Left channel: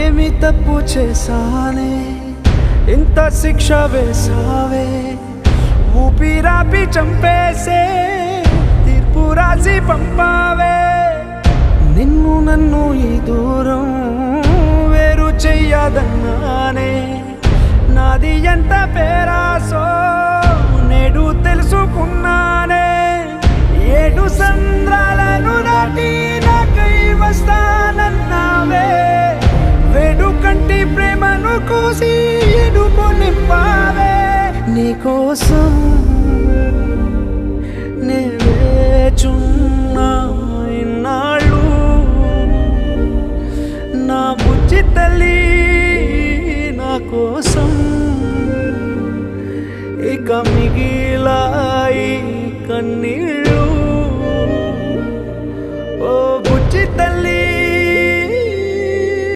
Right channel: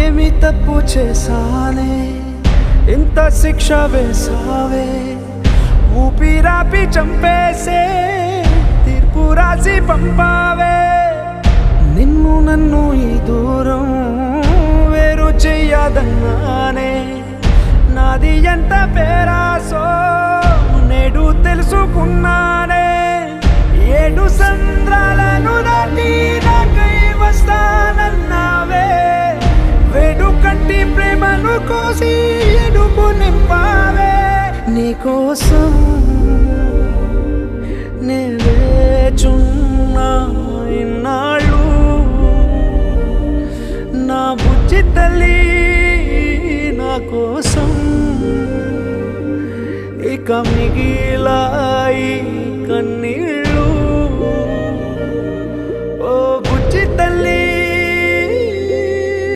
ఏమి తప్పు చేశానే ఇంత శిక్ష వేసావే ఊపిరాపి చంపేసే తీర్పు రాసి పంపావే నిన్ను నన్ను ఈ దూరం వేరు చెయ్యదన్నానే నాది ఎంత పేరాసో నేడు తెలుసుకున్నానే 7 సంద్రాలను దాటి నాకై వస్తానన్నావే వేడు కంటి ప్రేమను కోసి ఎడుపు నింపావే నీకోసం నే వేచున్నా ఇన్నాళ్ళు నా బుజ్జి తల్లి నా కోసం ఇక మిగిలాయి కన్నీళ్ళు ఓ బుజ్జి తల్లి